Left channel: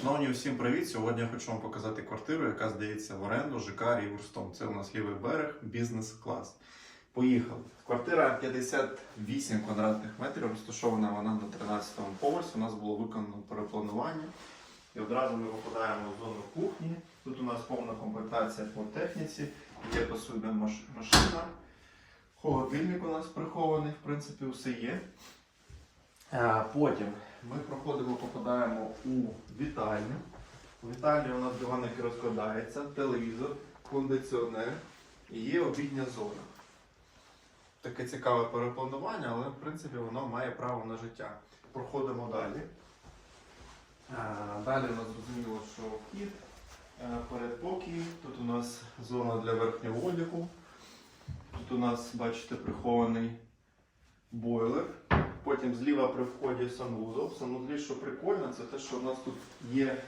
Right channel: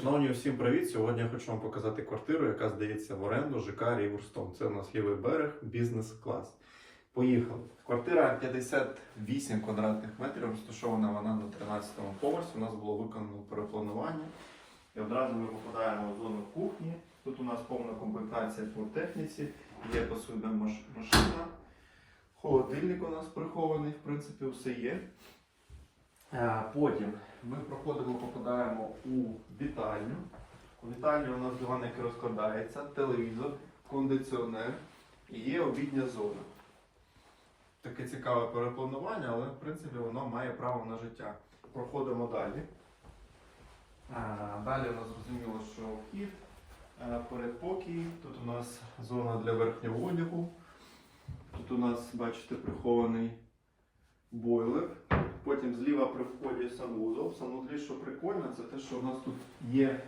Шановні, усім привіт! Сьогодні я хочу вам показати квартиру, яка здається в оренду ЖК Ріверстон. Це у нас лівий берег, бізнес-клас. Поїхали. Квартира 58 квадратних метрів, розташована вона на 13-му поверсі. У нас було виконано перепланування. І одразу ми попадаємо в зону кухні. Тут у нас повна комплектація по техніці, є посудна маш- машина. Холодильник у нас прихований, в принципі, все є. А, Потім ми проходимо, попадаємо у вітальню. У вітальні у нас диван, який розкладається, телевізор, кондиціонер і є обідня зона. Таке цікаве перепланування, але в принципі воно має право на життя. Проходимо далі. Далі у нас зрозуміло, що вхід, е, передпокій. Тут у нас зона для верхнього одягу. Тут у нас, бачите, прихований бойлер. Потім зліва при вході санвузол. В санвузлі, що прикольно, це те, що у нас тут є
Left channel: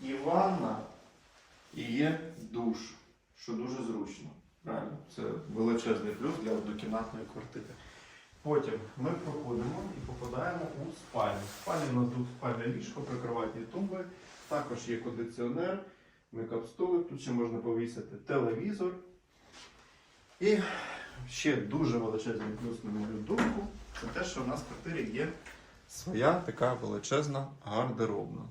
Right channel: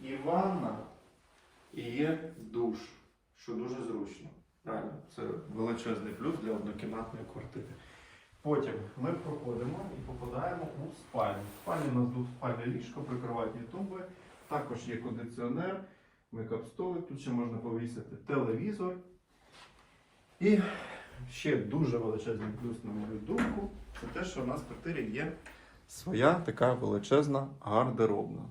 і ванна, і є душ, що дуже зручно. Реально, це величезний плюс для однокімнатної квартири. Потім ми проходимо і попадаємо у спальню. В спальні у нас двоспальне ліжко, прикроватні тумби, також є кондиціонер, мейкап-столик, тут ще можна повісити телевізор. І ще дуже величезний плюс, на мою думку, це те, що в нас в квартирі є своя така величезна гардеробна.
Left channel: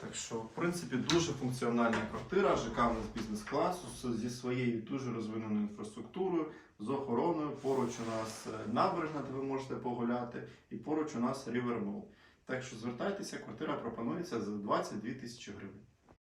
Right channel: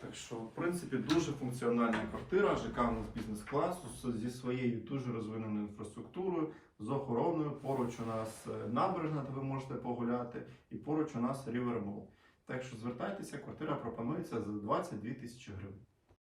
Так що, в принципі, дуже функціональна квартира, ЖК у нас бізнес-класу зі своєю дуже розвиненою інфраструктурою, з охороною. Поруч у нас е, набережна, де ви можете погуляти, і поруч у нас рівермол. Так що звертайтеся, квартира пропонується за 22 тисячі гривень.